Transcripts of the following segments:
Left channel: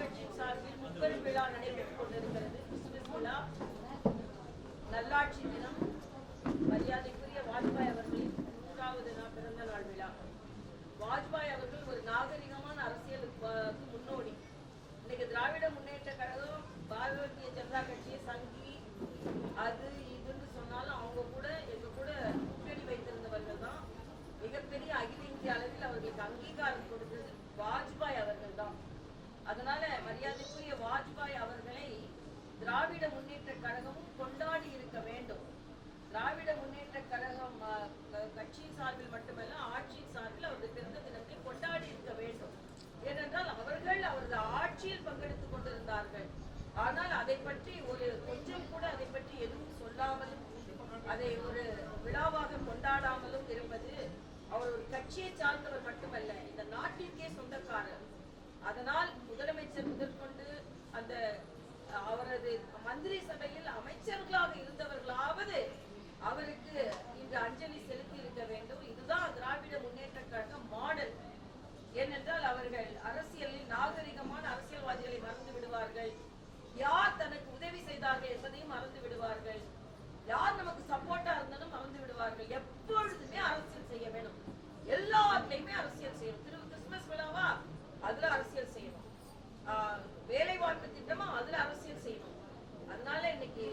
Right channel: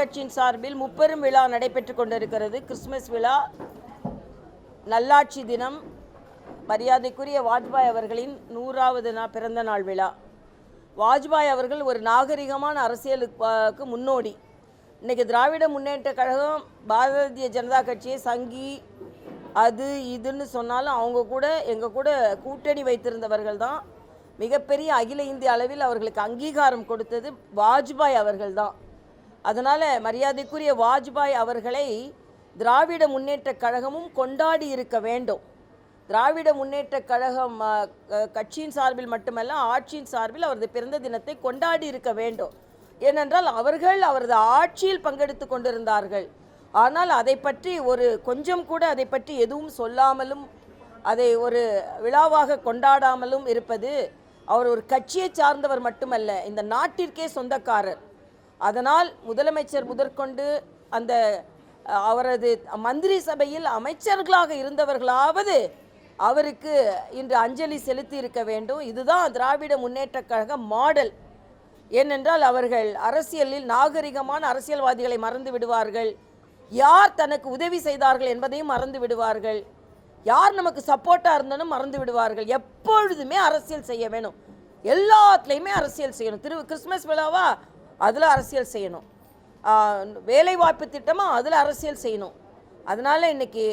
கட்சியின் சார்பில் முப்பெரும் விழா நடைபெற்றுக் கொண்டிருக்கிறது. கிறிஸ்துமஸ் விழா நல்லாட்சி தினம் மரியாதைக்குரிய வாஜ்பாய் அவர்களின் நூறாவது நா பிறந்த நாள் விழா. வாஜ்பாய் அவர்கள் ஒரு நாகரிகமான அரசியலுக்கு முன்னோடி. இன்னைக்கு திராவிட முன்னேற்ற கழகம் பாரதிய ஜனதா கட்சியை சங்கி அது இதுன்னு சொன்னாலும் அவங்க கூட எங்கள் கூட கூட்டணி வைத்திருந்தவர்கள் தான். மிகப்பெரிய அகில இந்திய அளவில் அவர்களுக்கு அங்கீகாரம் கொடுத்தது வாஜ்பாய் அவர்கள் தான். அதனால் மரியாதைக்குரிய வாஜ்பாய் அவர்களை திராவிட முன்னேற்ற கழகமும் கொண்டாடி இருக்க வேண்டும். திராவிட முன்னேற்ற கழகம் கட்சியின் சார்பில் மட்டுமல்ல ஆட்சியின் சார்பில் அவரது பிறந்த தினத்தை கொண்டாடி இருக்க வேண்டும். ஏனென்றால் அவர்கள் அவரது ஆட்சியில் பங்கெடுத்து கொண்டிருந்தார்கள். ஆனால் அதை பற்றி ஒரு கொஞ்சம் கூட அதை பற்றி எதுவும் சொல்லாமலும் அதை ஒரு விழாவாக கொண்டாடாமலும் இருப்பது அவர் ஒரு கட்சியை சார்ந்தவர் மட்டுமல்ல இந்த நாட்டிற்கே சொந்தக்காரர். அதனால் முதலமைச்சர் முதற்கொண்டு அந்த அவரது மந்திரி சபையில் அமைச்சர்களாக இருந்தவர்களாவது அவருக்கு இன்று அஞ்சலி செலுத்தி இருக்க வேண்டும். இதுதான் திராவிட முன்னேற்ற கழக மாடல். ஏனென்றால் அவர்கள் அரசியலில் நாகரிகமான அரசியல்வாதிகளை மறந்து விடுவார்கள். யார் தனக்கு உதவி செய்தார்கள் என்பதையும் மறந்து விடுவார்கள். யார் நமக்கு சப்போர்ட்டாக இருந்தாலும் மறந்து விடுவார்கள். எப்பொழுதுமே அரசியல் செய்ய வேணும். எல்லாத்துலேயுமே அரசியல் செய்யணும். திரு கிறிஸ்மஸ் விழாவா? அதில் அரசியல் செய்யணும். வேலைவாய்ப்பு திட்டமாக அதில் அரசியல் செய்யணும். அதனால் இன்னைக்கு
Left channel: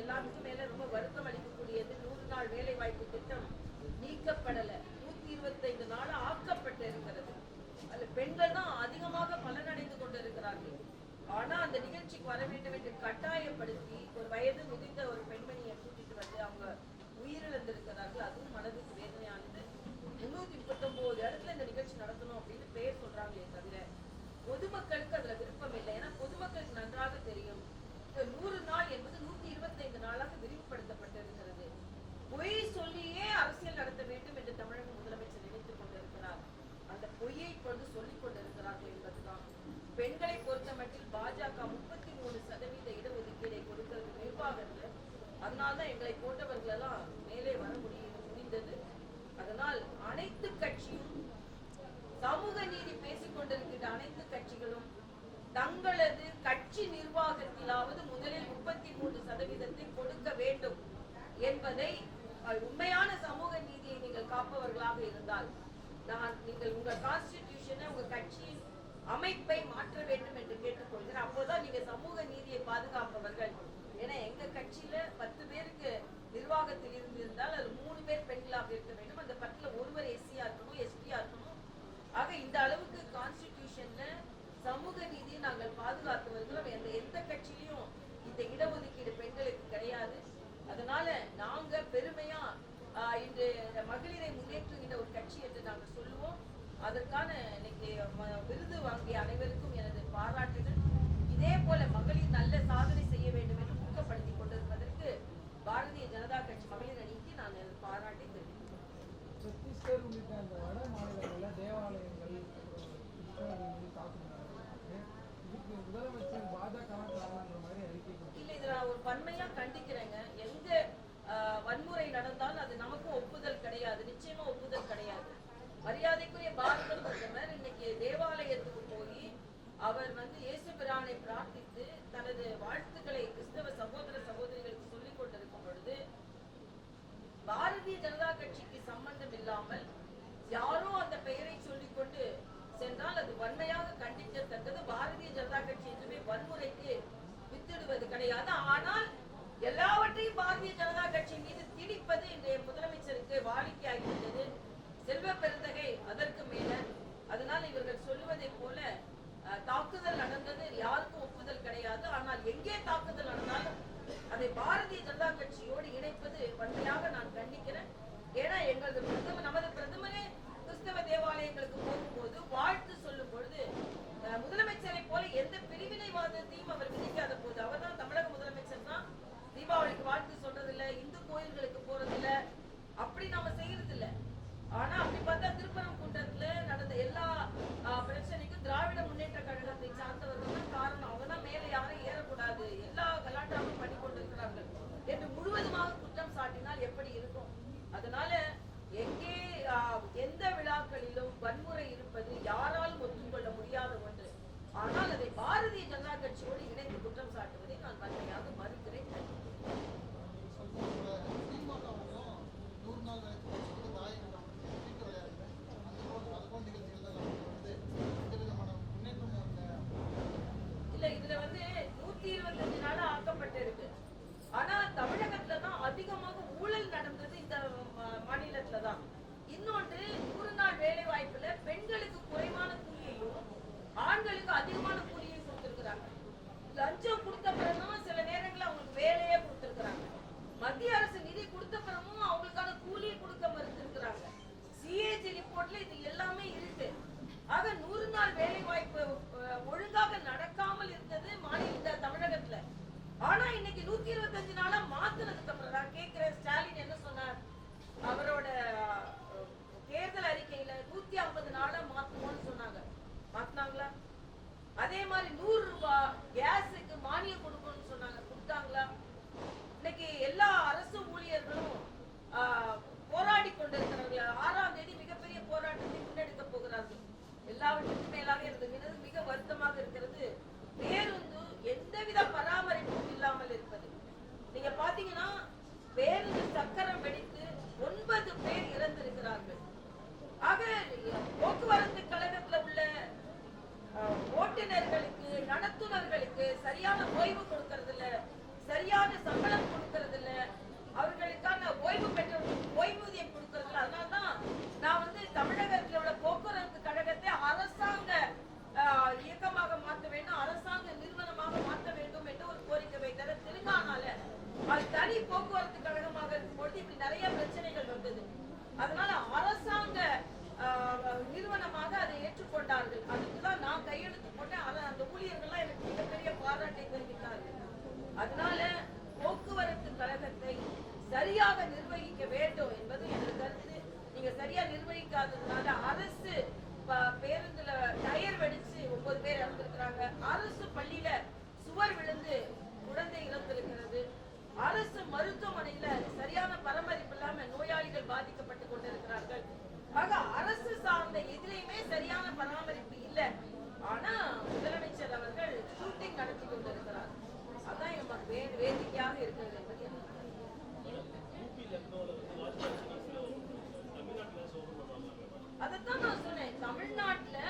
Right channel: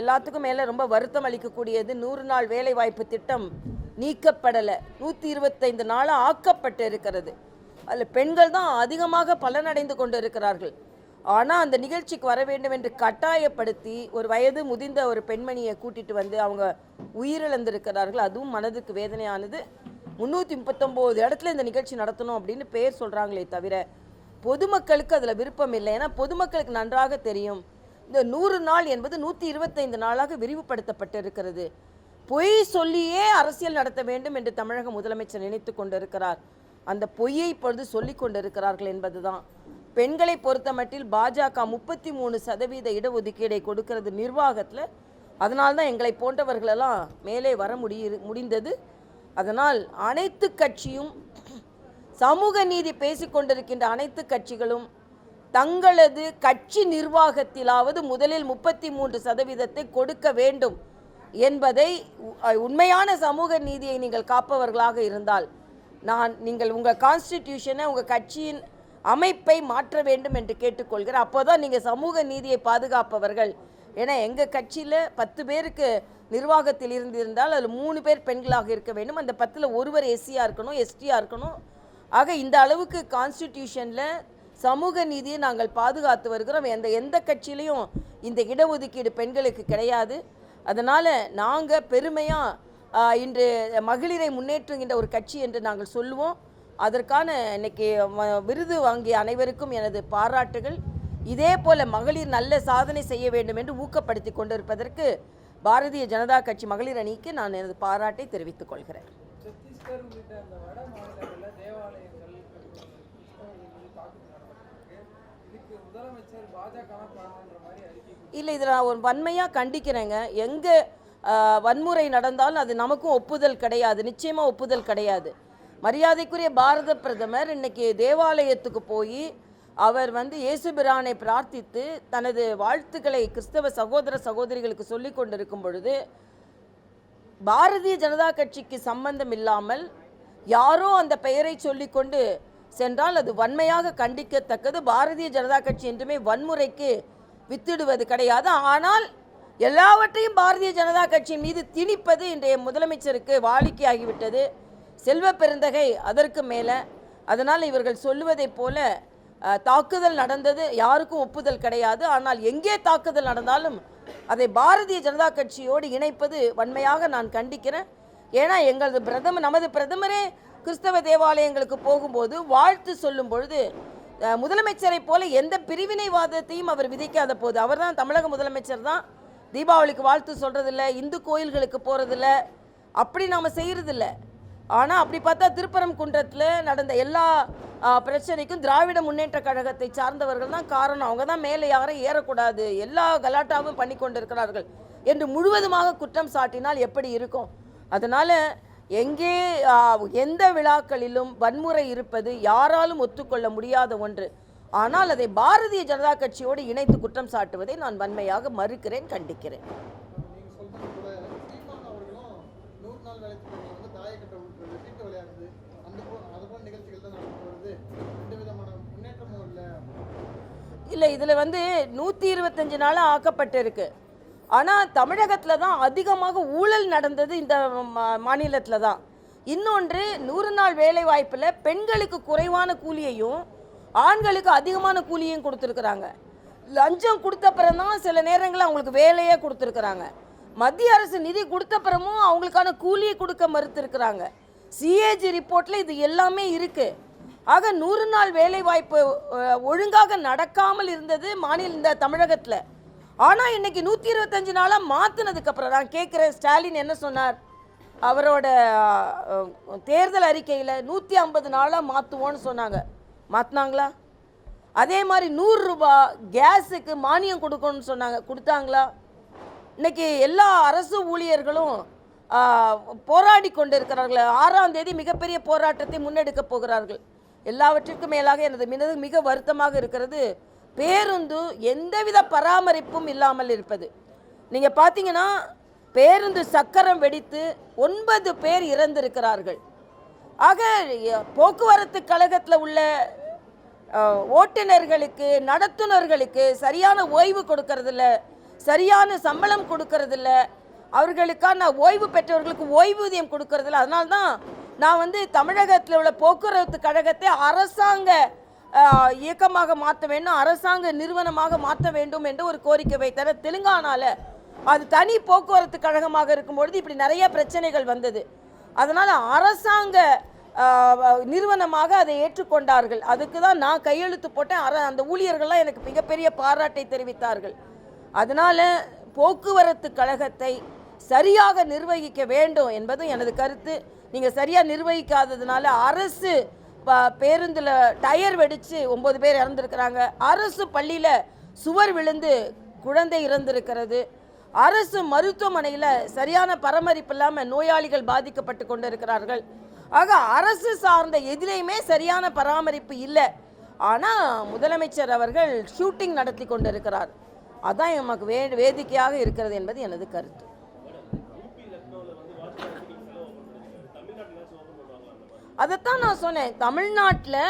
எல்லாத்துக்கும் மேலே ரொம்ப வருத்தம் அளிக்கக்கூடியது நூறு நாள் வேலைவாய்ப்பு திட்டம் நீக்கப்படலை. நூற்றி இருபத்தைந்து நாளாக ஆக்கப்பட்டு இருக்கிறது. அதில் பெண்கள் தான் அதிகமாக பலனடைந்து கொண்டு இருக்கிறார்கள். ஆனால் அந்த நிகழ்ச்சிக்கு வர வேண்டும் என்று கட்டாயப்படுத்தி ஒரு வயது முதிர்ந்த ஒரு பெண்மணியை கூட்டிகிட்டு வந்து அவங்க உயிரிழந்திருக்கிறார்கள். அதுவும் மனதுக்கு வேதனையானது. முந்நூற்றி முப்பத்தொம்போது இடத்துல இந்த நிகழ்ச்சி நடத்தணும் அப்படின்னு பேர் சொல்கிறாங்களே தவிர பொதுமக்களுக்கு அதில் விருப்பம் இல்லை. ஏன்னா பொதுமக்களுக்கு நன்றாக தெரியும் இந்த நூறு நாள் என்பது நூற்றி இருபத்தைந்து நாளாக விரிவுபடுத்தப்பட்டு இருக்கிறது பொய் சொல்லியே அரசியல் நடத்த வேண்டும் என்று தமிழக முதலமைச்சர் நினைத்து கொண்டிருக்கிறார். அந்த பொய்யை இப்பொழுது சொல்லி கொண்டிருக்கிறார்கள் என்பதுதான். பெண்களை பொறுத்தமட்டில் பாஜக முப்பத்தி மூணு சதவீத இடஒதுக்கீடை கொடுக்கிறது நிர்வாகத்தில். அதனால்தான் எங்களை போன்றவர்களெல்லாம் மேலே வர முடிய முடிந்தது. அதனால் அனைத்து கட்சியும் சமூக நீதி பேசிக்கொண்டிருக்கின்ற அனைத்து கட்சிகளும் தங்களது கட்சி நிர்வாகத்திலாவது முதலில் முப்பத்தி மூன்று சதவீதத்தை கொடுக்க வேண்டும் என்பதை உண்மையான சமூக நீதியை நீங்கள் காப்பவர்களாக இருந்தால் நான் நீங்கள் உங்கள் கான்ஸ்டிடியூஷனை உங்கள் கட்சியின் அமைப்பை மாற்ற வேண்டும் என்று கேட்டுக்கொள்கிறேன். அப்போதான் நீங்கள் சமூக நீதியை பாதுகாப்பவர்கள். ஏன்னா எங்கள் கட்சியில் பத்து பேருக்கு நிர்வாகத்தில் இருந்திருந்தால் அதில் மூணு பேர் பெண்களாக இருக்க வேண்டும். அந்த பத்தில் ஒருவர் எஸ்சியாக இருக்கணும் எஸ்டியாக இருக்கணும். ஆக இந்த அளவுக்கு கான்ஸ்டிடியூஷனில் சமூக நீதியை நாங்கள் பாதுகாத்து வருகிறோம். எந்த எந்த கட்சியிலையும் இந்த இடஒதுக்கீடு பெண்களுக்கு கிடையாது. அதனால் நாங்கள் பெருமையாக இன்று மகளிரை முன்னேற்றுகின்ற ஒரு கட்சி என்று நாங்கள் சொல்லுவோம். அதற்கான இன்னைக்கு விருது வாங்கிய அனைவருக்கும் எனது பாராட்டுகள். இதே போல மகளிர் நல்ல சாதனை செய்ய வேண்டும் என்று ஊக்கப்படுத்தி கொண்டிருப்பதற்கு பாரதிய ஜனதா கட்சி மகளிர் அணிக்கு நான் எனது பாராட்டை தெரிவித்துக் கொள்கிறேன். இல்லை இதில் நான் ஒரு வன்மையாக கண்டிக்கிறேங்க. எங்கே வன்முறை நடந்தாலும் அது நமக்கும் ஒப்புதல் கிடையாது. நிச்சயமாக ஒப்புதல் கிடையாது. மரியாதைக்குரிய பாரத பிரதமர் இன்னைக்கு தேவாலயத்துக்கு போய் அவர் வந்து இயேசுபிரானை பிரார்த்தித்து தனது வாழ்த்துக்களை கிறிஸ்தவ சகோதர சகோதரிகளுக்கு சொல்லிக் கொண்டிருக்கும் பொழுது பாரதிய ஜனதா கட்சிக்கு சம்பந்தம் இல்லாமல் யாரோ அந்த பெயரை சொல்லிக்கொண்டு சென்றால் அது வன்மையாக கண்டிக்கத்தக்கது. பாரதிய ஜனதா கட்சி என்றுமே வன்முறைக்கு வித்திடுவது கிடையாது. ஆனால் எல்லாவற்றையும் பாரதிய ஜனதா கட்சி மீது திணிப்பது இன்றைய முதலமைச்சருக்கு வாடிக்கையாகிவிட்டது. செல்வ பெருந்தகை அதற்கு மேலே. அதனால் இவர்கள் சொல்லுவதைப் போல தாக்குதல் நடந்தது யாருக்கும் ஒப்புதல் கிடையாது. ஆனால் எங்கே தாக்குதல் நடந்தாலும் அதை பாரதிய ஜனதா கட்சியோடு இணைப்பது வன்மையாக நான் கண்டிக்கிறேன். ஏன்னா எங்களது பிரதமர் நமது பிரதமரே கிறிஸ்தவ தேவாலயங்களுக்கு போகும்போது வாழ்த்து சொல்லும் பொழுது முதலமைச்சரை முதலமைச்சரைப் போல எந்த பிரிவினைவாதத்தையும் அவர் விதிக்காத போது அவர் தான் தமிழக முதலமைச்சர் தான். தீபாவளிக்கு வாழ்த்து சொல்றதில்ல இந்து கோயில்களுக்கு போகிறதில்ல அப்படி நாம் செய்கிறதில்ல ஆனால் அப்படி பார்த்தா திருப்பரம் குன்றத்தில் நடந்த எல்லா பிரச்சனைக்கும் திராவிட முன்னேற்ற கழகத்தை சார்ந்தவர்கள் தான் காரணம். அவங்க தான் மேலே யாரும் ஏறக்கூடாது. எல்லா கலாட்டாவும் பண்ணி கொண்டிருக்கிறார்கள் என்று முழுவதுமாக குற்றம் சாட்டினால் எப்படி இருக்கும்? அதனால் எங்கே எந்த விழாக்களிலும் வன்முறை இருப்பது யாராலும் ஒத்துக்கொள்ள முடியாத ஒன்று. ஆனால் அதை பாரதிய ஜனதா கட்சியோடு இணைத்து குற்றம் சாட்டுவதை நான் வன்மையாக மறுக்கிறேன் கண்டிக்கிறேன் நீங்க சொல்றது கூட சீமான் அவர்களும் நூறு நாள் வேலை திட்டத்தை வந்து தாயக்கட்டை விடுறது வீட்டு விளையாடுறது அந்த போல அது போல நிகழ்ச்சிகள் தான் நடந்து வருது எந்த விதமான முன்னேற்றமும் இல்லை இல்லை இதில் வந்து நூற்றி இருபத்தஞ்சு நாளாக ஆக்கப்பட்டிருக்கு. ஆனால் தமிழகத்தில் தான் அதிகமாக ஊழல் நடந்தது இந்த மாநிலத்தில் தான். இன்னொன்று நூறு நாள் வேலை வாய்ப்பில் பெண்களுக்கு குறைவான கூலியையும் ஆண்களுக்கு அதிகமான கூலியும் கொடுத்துருக்குறாங்க. லஞ்சம் கொடுத்த பிறந்தான் சில நேரங்களில் அவங்களுக்கு வேலையே கொடுத்துருக்குறாங்க. மத்திய அரசு நிதி கொடுத்த பிறமும் அவங்களுக்கான கூலியை கொடுக்க மறுத்துருக்குறாங்க. சிஏஜி ரிப்போர்ட்டில் இது எல்லாமே இருக்குது ஆக நூறு நாள் வேலைவாய்ப்பு ஒழுங்காக நடக்காமல் இருந்தது மாநில இந்த தமிழகத்தில். ஆனால் இன்னைக்கு நூற்றி இருபத்தஞ்சு நாளாக மாற்றினதுக்கப்புறம் நான் கேட்குறேன் ஸ்டாலின் என்ன சொன்னார்? அவரோட தேர்தல் அறிக்கையில் நூற்றி ஐம்பது நாளாக மாற்றுவோன்னு சொன்னாங்க. மாற்றினாங்களா அதே மாதிரி நூறுரூபா கேஸுக்கு மானியம் கொடுக்கணும்னு சொன்னாங்க. கொடுத்தாங்களா? இன்னைக்கு எல்லா அரசு ஊழியர்களும் போராடி கொண்டு இருக்கிறார்கள் ஆறாம் தேதி மிகப்பெரிய போராட்டத்தை முன்னெடுக்க போகிறார்கள். எல்லாவற்றிற்கும் மேலாக எனது மினது மிக வருத்தமாக இருக்கிறது. பேருந்து எந்தவித பராமரிப்பும் இல்லாமல் இருப்பது. நீங்கள் பார்த்தீங்கன்னா பேருந்து சக்கரம் வெடித்து ஒன்பது பேர் இறந்திருக்கிறார்கள். ஆக போக்குவரத்து கழகத்தில் உள்ள ஓட்டுநர்களுக்கு நடத்துனர்களுக்கு சரியான ஓய்வு கொடுக்கறதில்ல சரியான சம்பளம் கொடுக்கறதில்ல. அவர்களுக்கான ஓய்வு பெற்றவர்களுக்கு ஓய்வூதியம் கொடுக்கறதில்ல. அதனால்தான் நான் வந்து தமிழகத்தில் உள்ள போக்குவரத்து கழகத்தை அரசாங்க இயக்கமாக மாற்ற வேண்டும் அரசாங்க நிறுவனமாக மாற்ற வேண்டும் என்று ஒரு கோரிக்கை வைத்தனர். தெலுங்கானாவில் அது தனி போக்குவரத்து கழகமாக இருக்கும்பொழுது இப்படி நிறைய பிரச்சனைகள் வந்தது. அதனால் அரசாங்க நிறுவனமாக அதை ஏற்றுக்கொண்டார்கள். அதுக்கு தான் நான் கையெழுத்து போட்டேன். அர அந்த ஊழியர்கள்லாம் எனக்கு மிகப்பெரிய பாராட்டை தெரிவித்தார்கள். அதனால் போக்குவரத்து கழகத்தை சரியாக நிர்வகிக்க வேண்டும் என்பது எனது கருத்து. நீங்கள் சரியாக நிர்வகிக்காததுனால அரசு ப- டயர் வெடித்து ஒம்பது பேர் இறந்துருக்கிறாங்க. அரசு பள்ளியில் சுவர் விழுந்து குழந்தை இறந்திருக்கிறது. அரசு மருத்துவமனையில் சரியான பராமரிப்பு இல்லாமல் நோயாளிகள் பாதிக்கப்பட்டு கொண்டிருக்கிறார்கள். ஆக அரசு சார்ந்த எதிலையுமே சரியான பராமரிப்பு இல்லை. ஆனால் முதலமைச்சர் அவர்கள் ஷூட்டிங் நடத்தி கொண்டிருக்கிறார். அதான் எமக்கு வே வேடிக்கையாக இருக்கிறது என்பது எனது கருத்து. அதைத்தான் நான் சொன்னேன். தமிழ்நாட்டில்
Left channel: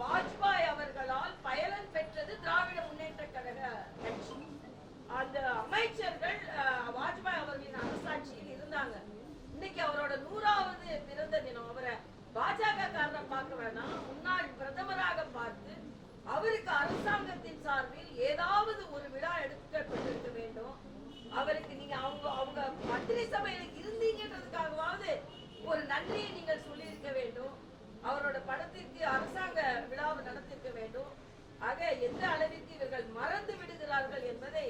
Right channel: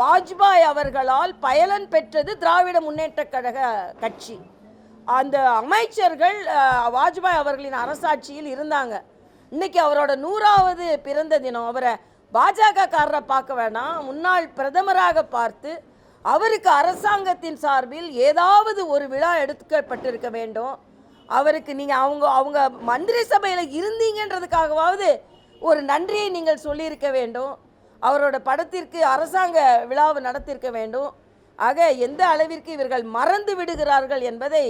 வாஜ்பாய் அவர்களால் பயலன் பெற்றது திராவிட முன்னேற்ற கழக கட்சி. அந்த அமைச்சர்கள் வாஜ்பாய் அவர்களின் அரசாட்சியில் இருந்தாங்க. இன்னைக்கு அவரோட நூறாவது பிறந்த தினம். அவரை பாஜக காரரை பார்க்க வேணாம். முன்னாள் பிரதமராக பார்த்து அவருக்கு அரசாங்கத்தின் சார்பில் ஏதாவது ஒரு விழா எடுக்கப்பட்டிருக்க வேண்டும். அவருக்கு நீங்கள் அவங்க அவங்க மந்திரி சபையில் இருந்தீங்கன்றதுக்காகவாவது ஒரு நன்றியை நீங்கள் சொல்லியிருக்க வேண்டும். அவரோட படத்திற்கு அரசாங்க விழாவை நடத்தியிருக்க வேண்டும். ஆக எந்த அளவிற்கு இவர்கள் மறந்து விடுகிறார்கள் என்பதை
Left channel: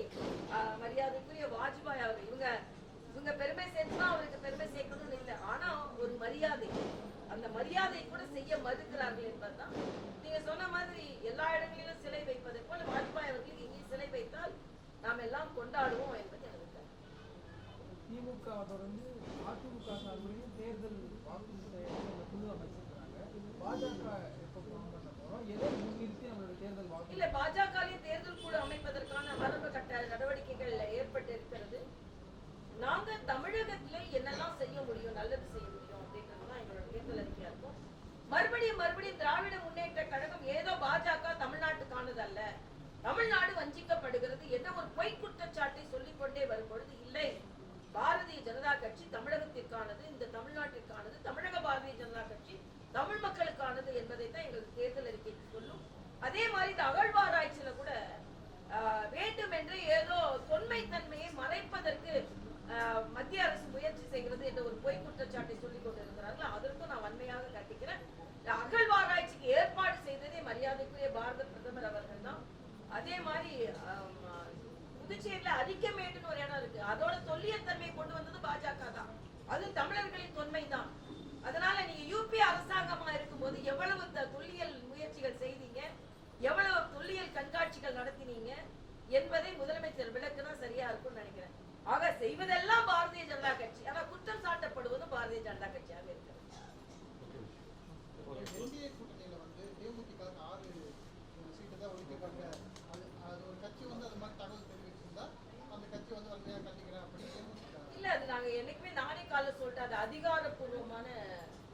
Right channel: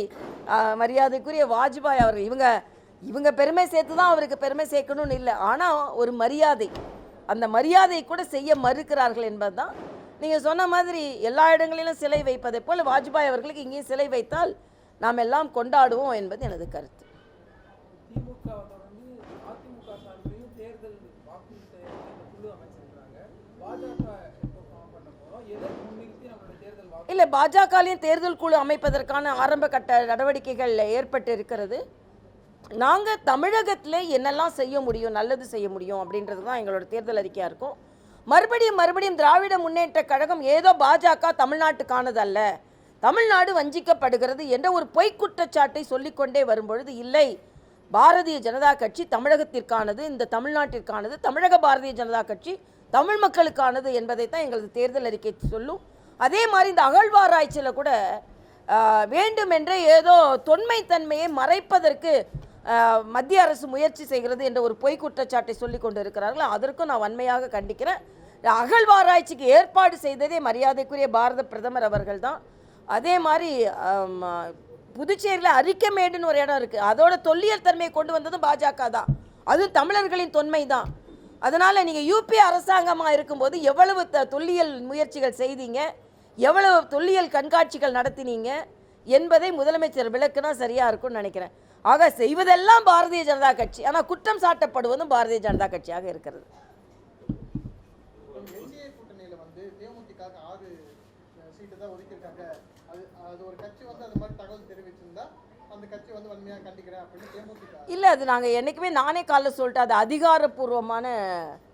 மரியாதைக்குரிய வாஜ்பாய் அவர்கள் இவங்க இவங்க பெருமை சேர்த்து தான் அவருக்கு பெருமை சேர்க்கணும்னு இல்லை. ஆனால் ஒரு மரியாதை அந்த மரியாதை கூட செய்ய மறுக்கிறார்கள் என்பதுதான். நீங்கள் சொன்ன மாதிரி எல்லா இடங்களிலும் சிலை வைப்பதை போல் வாஜ்பாய் அவர்களுக்கு இங்கேயும் சிலை வைத்தால் நாம் எல்லாம் கொண்டாடுவோம் என்பது எனது கருத்து. இல்லை பாஜகலையும் தேர்தல் குழு அமைப்பதற்கான ஆரம்ப கட்ட நடவடிக்கைகள் ஏற்பட்டு இருக்கிறது நாங்கள் தமிழகத்தில் என்னெல்லாம் செய்ய முடியும் நல்லது செய்ய முடியும் அப்படின்றது தான் எங்களோட தேர்தல் அறிக்கையாக இருக்கும். மறுபடியும் மறுபடியும் திராவிட முன்னேற்ற கழகம் ஏதோ பாஜக தமிழ்நாட்டுக்கானது அல்ல தமிழ்நாடு வஞ்சிக்கப்படுகிறது என்ற ஒரு பொய்க் குற்றச்சாட்டை சொல்லிக்கொண்டே வரும்பொழுது இல்லை பாரதிய ஜனதா கட்சி தமிழகத்திற்கானது இந்த தமிழ்நாட்டிற்கானது தமிழக பாரதிய ஜனதா கட்சி தமிழ் மக்களுக்கானது என்பதை தான் எங்களது தேர்தல் அறிக்கை சொல்லும். அதே மாதிரி இந்த அகழ்வாராய்ச்சியில் கூட வேண்டுமென்றே ஏதோ தொன்மைத்தன்மையை மறைப்பதற்கு மத்திய அரசு முயற்சி செய்கிறது என்ற ஒரு பொய் குற்றச்சாட்டை சொல்லி கொண்டு இருக்கிறார்கள் அதற்கும் நான் வன்மையாக கண்டிக்கிறேன். அகழ்வாராய்ச்சிக்கு ஏற்பாடு செய்ததே மரியாதைக்குரிய பாரத பிரதமர் அவர்கள் தான். அதே மாதிரி புதுச்சேரியில் அரிக்கமேடுன்னு ஒரு இடம் இருக்குது அதோட தொல்லியல் தன்மையை கொண்டு வந்ததும் பாஜக தான். அதுவும் தமிழர்களின் தொன்மை தான். அதனால் நீங்கள் யூபி அரசாங்கமாக இருக்கும்போது எவ்வளவு த தொல்லியல் முயற்சிகள் செய்தீங்க? எவ்வளவு தொல்லியல் கண்காட்சிகள் நடத்தினீங்க என்பதை முதலமைச்சர் விளக்குனா சரியாக இருக்கும்னு நினைக்கிறேன். ஆக செய்வதெல்லாம் பாரதிய ஜனதா கட்சி. ஆனால் குற்றம் சாட்டப்படுவதும் பாரதிய ஜனதா கட்சியாக இருக்கிறது. இல்லை அது நாங்கள் என்றைக்குமே நானே காலைல சொல்லிட்டேன். அது அதிகாரப்பூர்வமான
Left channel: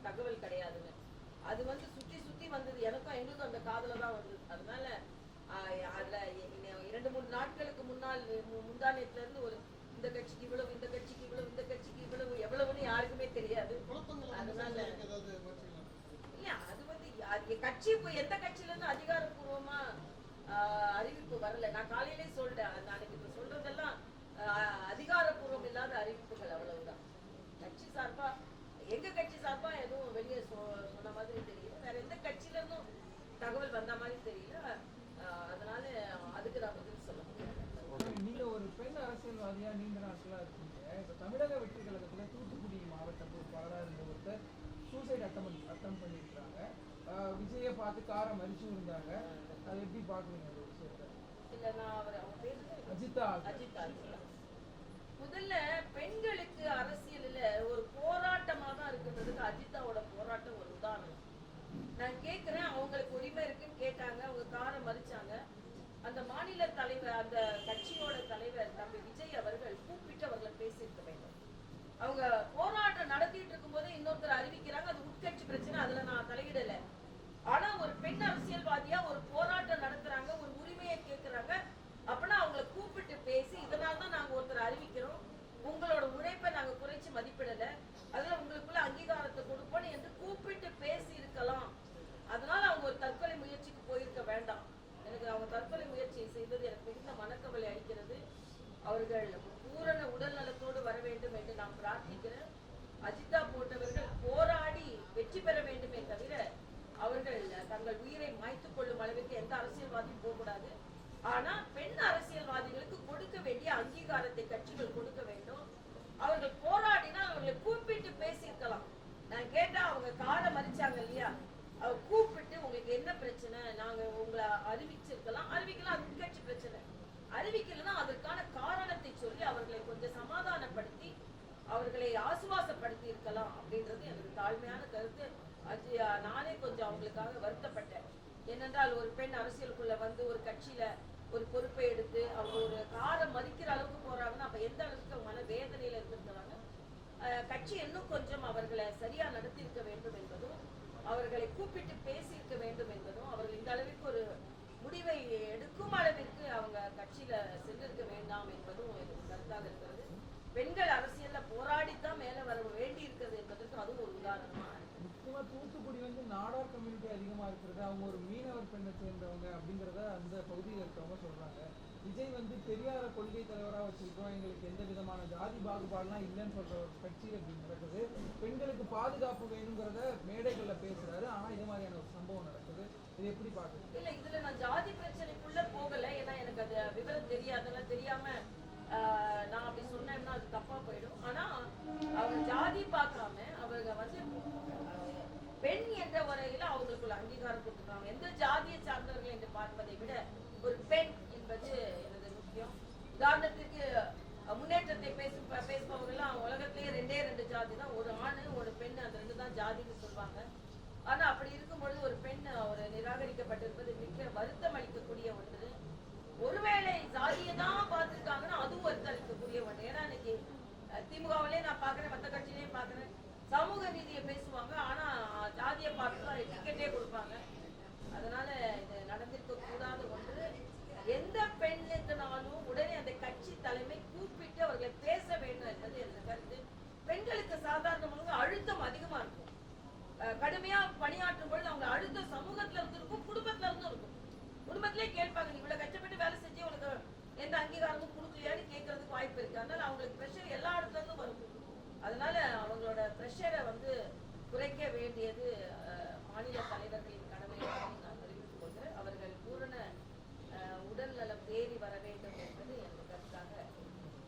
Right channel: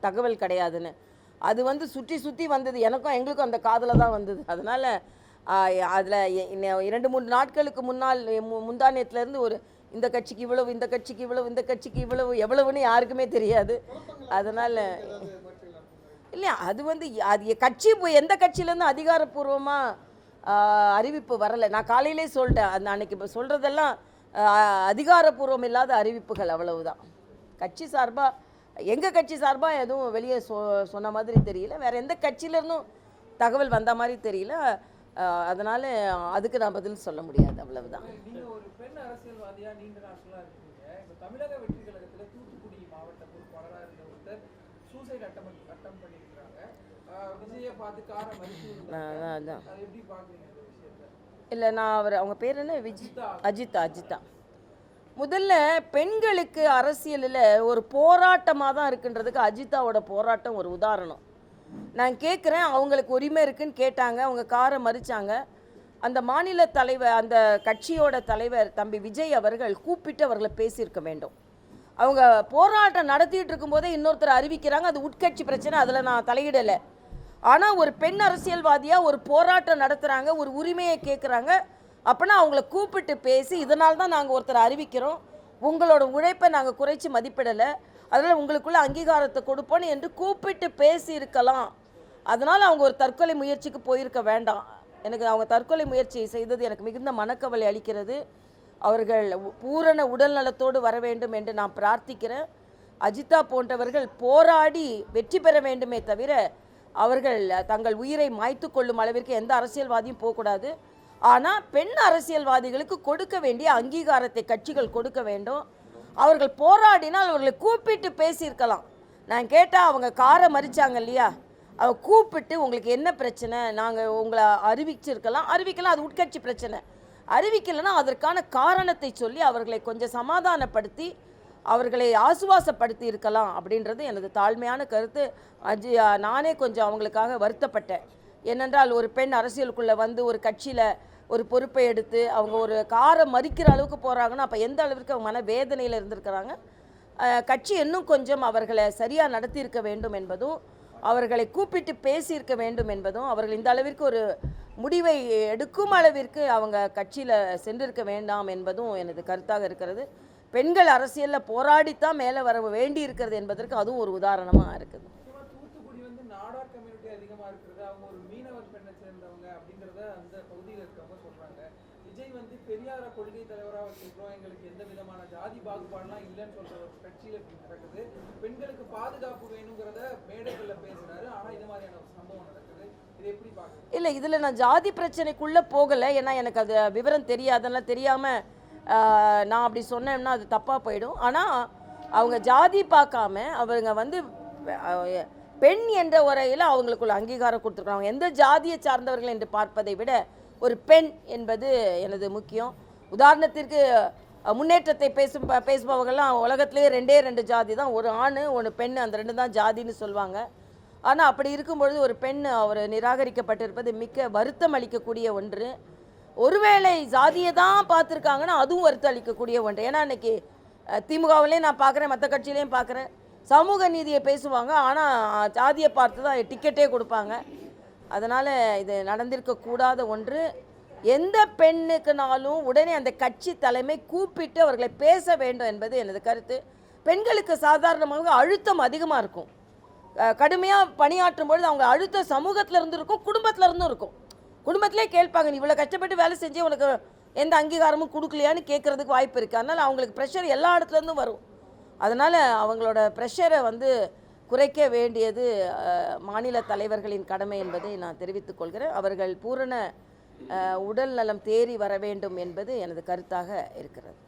தகவல் கிடையாதுன்னு. அது வந்து சுற்றி சுற்றி வந்தது. எனக்கும் எங்களுக்கும் அந்த காதில் தான் வந்தது. அதனால் அதில் இரண்டு மூணு நாட்களுக்கு முன்னால் மு- முந்தானியத்துலேருந்து ஒரு இந்த கட்சிக்கு இவ்வளவு இந்த கட்சிக்கு இவ்வளவு இந்த கட்சிக்கு இவ்வளவு எவ்வளவுன்னு யாருக்குமே தெரியாது. அதனால் இல்லையா அது வந்து அது கட்சி போய் எந்த கட்சியிலேருந்து அதிகாரப்பூர்வமாக அறிவிப்பு வரலை. நான் காலையிலே சொல்லிட்டேன். அந்த அன்னைக்கு இப்போ சொல்கிறதெல்லாம் அதிகாரப்பூர்வம் இல்லாத அறிவிப்புகள் அவ்வளவுதான். கட்சி சார்பாக எங்கள் கட்சி சார்பாக எதுவும் வெளியே சொ சொன்ன மாதிரி தெரியல. வேறு எந்த கட்சியிலேருந்தும் தகவல் வந்த மாதிரி தெரியல. அதனால அதுக்கு நான் பதில் சொல்ல முடியாது. அவ்வளவுதான். இல்லை நான் அவர் அவங்க பேர் என்ன? விஜி அஜிதா. அஜிதா அஜிதா முதல்ல பெண்களுக்கு அரசியலில் ஒரு போராட்டமாக தான் இருக்குன்றதுக்கு அஜிதாவோட போராட்டம் ஒரு உதாரணம். நான் கேட்குறேன் அவங்களுக்கு உரிமை இருக்குன்னு கேட்டாங்க அவங்க காரை மறிச்சாங்க. அந்த மாநில தலைவர் அந்த கட்சியோட தலைவர் தம்பி விஜய் அவர்கள் கூப்பிட்டு அவர்களை பேசியிருக்க வேண்டும். அவங்க போராட்டம் நடத்திட்டு இருக்கும்போதே இன்னொருத்தர் அறிவிக்கிறாங்க அது உட்கட்சி பிரச்சனை அதில் நான் தலையிடலை. ஆனால் ஒரு பெண் அரசியல்வாதியாக ஒரு போராட்டம் நடத்துகிறாங்க ஒரு உரிமையை கேட்குறாங்க அப்போனா அவங்கள கூப்பிட்டு பேசி இதனால தான் நாங்கள் ஒருத்தர் அறிவிக்கிறோம். உங்களோட உழைப்பை நாங்கள் குறைச்சி மதிப்பிடலை. அதனால் உங்களுக்குள்ள அங்கீகாரத்தை கொடுப்போம்னு என்று கூப்பிட்டு பேசி இருக்கலாம் அதனால் அவங்க ஒரு தற்கொலை முயற்சிக்கு போயிருக்க வேண்டாம். எனக்கு அவங்க தற்கொலை முயற்சி செய்தது எனக்கு மிகுந்த மனக்கவலை அளிக்கிறது. அவர்கள் பூரண உடல் நலத்தோடு வர வேண்டும் என்று நான் பிரார்த்திக்கிறேன். அஜிதா போன்றவர்கள் போராடி வெற்றி பெற வேண்டுமே தவிர அவர்கள் தங்கள் உயிரை மாய்த்து கொள்ளும் அளவிற்கு எந்த அரசியல்வாதியும் போகக்கூடாது. ஆனால் பெண் அரசியல்வாதிகளுக்கு கொடுக்க வேண்டிய அங்கீகாரத்தை கட்சிகள் கொடுக்க வேண்டும். அவர்கள் போராடினால் அவர்களை கூப்பிட்டு பேசியிருக்கலாம். நான் கேட்டால் அவங்க காரை மறிச்சாங்க இல்லையா? அவ கூப்பிட்டு உங்களுக்கு என்ன பிரச்சனை? நாங்கள் உங்களை அறிவிச்சிருக்கலாம். அறிவிக்கலாம் அது உட்கட்சி பிரச்சனை. அறிவிக்கலைன்னா அதற்கான காரணத்தை சொல்லி அவர்களை கொஞ்சம் சமாதானப்படுத்தி அவர்களை ஆசுவாசப்படுத்தி இருக்கலாம் அப்படின்றது எனது தாழ்மையான கருத்து. அஜி நானே கொஞ்சம் அவங்களுக்காக வருத்தப்பட்டேன். ஏனென்றால் ஒரு பெண் அரசியலுக்குள்ளே வந்து ஒரு கட்சியில் ஒரு பொறுப்பை எடுத்து அவங்க ஒரு காரை மறிக்கிற அளவுக்கு போகிறாங்கன்னா அப்போ எந்த அளவிற்கு அவங்க மன வேதனையில் இருந்திருக்கிறாங்க கட்சி இன்னும் கொஞ்சம் அவர்களை சரியாக நடத்தியிருக்க வேண்டும் என்பதும் அவர்களை கூப்பிட்டு பேசியிருக்க வேண்டும் என்பதும் அவர்கள் இந்த அளவிற்கு ஒரு முடிவை எடுக்கும் அளவிற்கு அவங்க கட்சியில் சென்றிருக்க வேண்டாம் என்பதும் எனது கருத்தாக இருக்கிறது. பெண்கள் அரசியலில் போராடித்தான் மேலே வர வேண்டி இருக்கிறது என்பதற்கு அதுவும் ஒரு உதாரணமாக இருக்குது. பெண்ணை சேர்ந்தவங்க அப்படிங்கிறத அந்த பகுதியில் இருக்கிறவங்க சொல்கிறாங்க விஜய் வந்து பெரியார கொள்கை தலைவராக வச்சிருக்கோம் எங்களுக்கு எந்த விதமான ஜாதி பாகுபாடுலாம் இல்லைன்னு சொல்கிற ஒரு கட்சியில் இப்படி நடக்குது. பெண்களுக்கு பாதுகாப்பு வேணுங்கிறத மேடைகளில் பேசுகிறாரு ஆனால் இது மாதிரியான ஒரு சம்பவம் நடக்குது. இது எப்படி பாக்குறீங்க இல்லை இதில் நான் ஜாதி பிரச்சனைக்குள்ளே போகலை. ஏன்னா எனக்கு அது விவரம் தெரியாதெல்லாம் தெரியாமல் நான் அப்படி சொன்னேன்னா அது தப்பாக போயிடும். ஆனால் அவங்க ஜாதி பார்க்காம அவங்க வந்து பெண் என்ற உரையில் அவங்களுக்குள்ள அங்கீகாரம் கொடுத்துருக்காங்க எந்த ஜாதியை சார்ந்தவர்கள் என்று பார்ப்பதை விட ஒரு பெண் என்பது எனது முக்கியம். உதாரணத்திற்கு முன்னேற்றத்தை பேசும் பேசுபவர்கள்லாம் உலகத்திலேயே ரெண்டே ரெண்டு ஜாதி தான். ஒரு ஆண் ஒன்று பெண் அந்த ரெண்டு தான் ஜாதின்னு சொல்லுவாங்க ஆனால் அப்படி இருக்கும்பொழுது ஒரு பெண் அவர் நிராகரிக்கப்பட்டிருப்பது மிக்க வருத்தம் அளிக்கக்கூடிய ஒன்று. ஒருவேளை ஜாதியை தான் பார்த்துருக்காங்கன்னா அதுவும் வருத்தம் அளிக்கக்கூடிய ஒன்று. ஏன்னா இன்றைக்கி திமுகவிலையும் நான் பார்க்குறேன் மற்ற கட்சியிலையும் பார்க்குறேன். சமூக நீதியை பேசுவாங்க ஆனால் ஜாதியை பார்த்து தான் டிக்கெட்டே கொடுப்பாங்க. அதனால் இது நடந்திருக்கக்கூடாத ஒன்று. எந்த பெண்ணுக்குனாலும் உடனே அந்த கட்சி தலைமை கூப்பிட்டு அவர்களை பேச வேண்டும் என்பது எனது கருத்து. பெண்களுக்கு சாதாரணமாக அழுத்தம் அதிகமாக இருக்கும். கடுமையாக பணியாற்றும் பொழுது அவங்க அழுத்தம் சமூகத்தில் இருந்து இருக்கும் குடும்பத்தில் இருந்தும் இருக்கும். குடும்பத்திலே கேட்பாங்க நீ இவ்வளோ கஷ்டப்பட்டு வேலை செஞ்சு உனக்கு எந்த அங்கீகாரமும் கொடுக்கலையான்னு கேட்குறதுக்கு வாய்ப்பு இருக்குது அதனால் அவங்களுக்கு ப்ரெஷர் எல்லா இடத்துல இருந்தும் வரும். அதனால் அவங்களோட ப்ரெஷரை வந்து குறைக்க வேண்டியது மாநில தலைவர்களின் கடமை என்பதை நான் தெரிவித்துக் கொள்கிறேன். அவர்கள் பூரண உடல் நலம் தேறி வர வேண்டும் என்பது எனது கருத்தாக இருக்கிறது.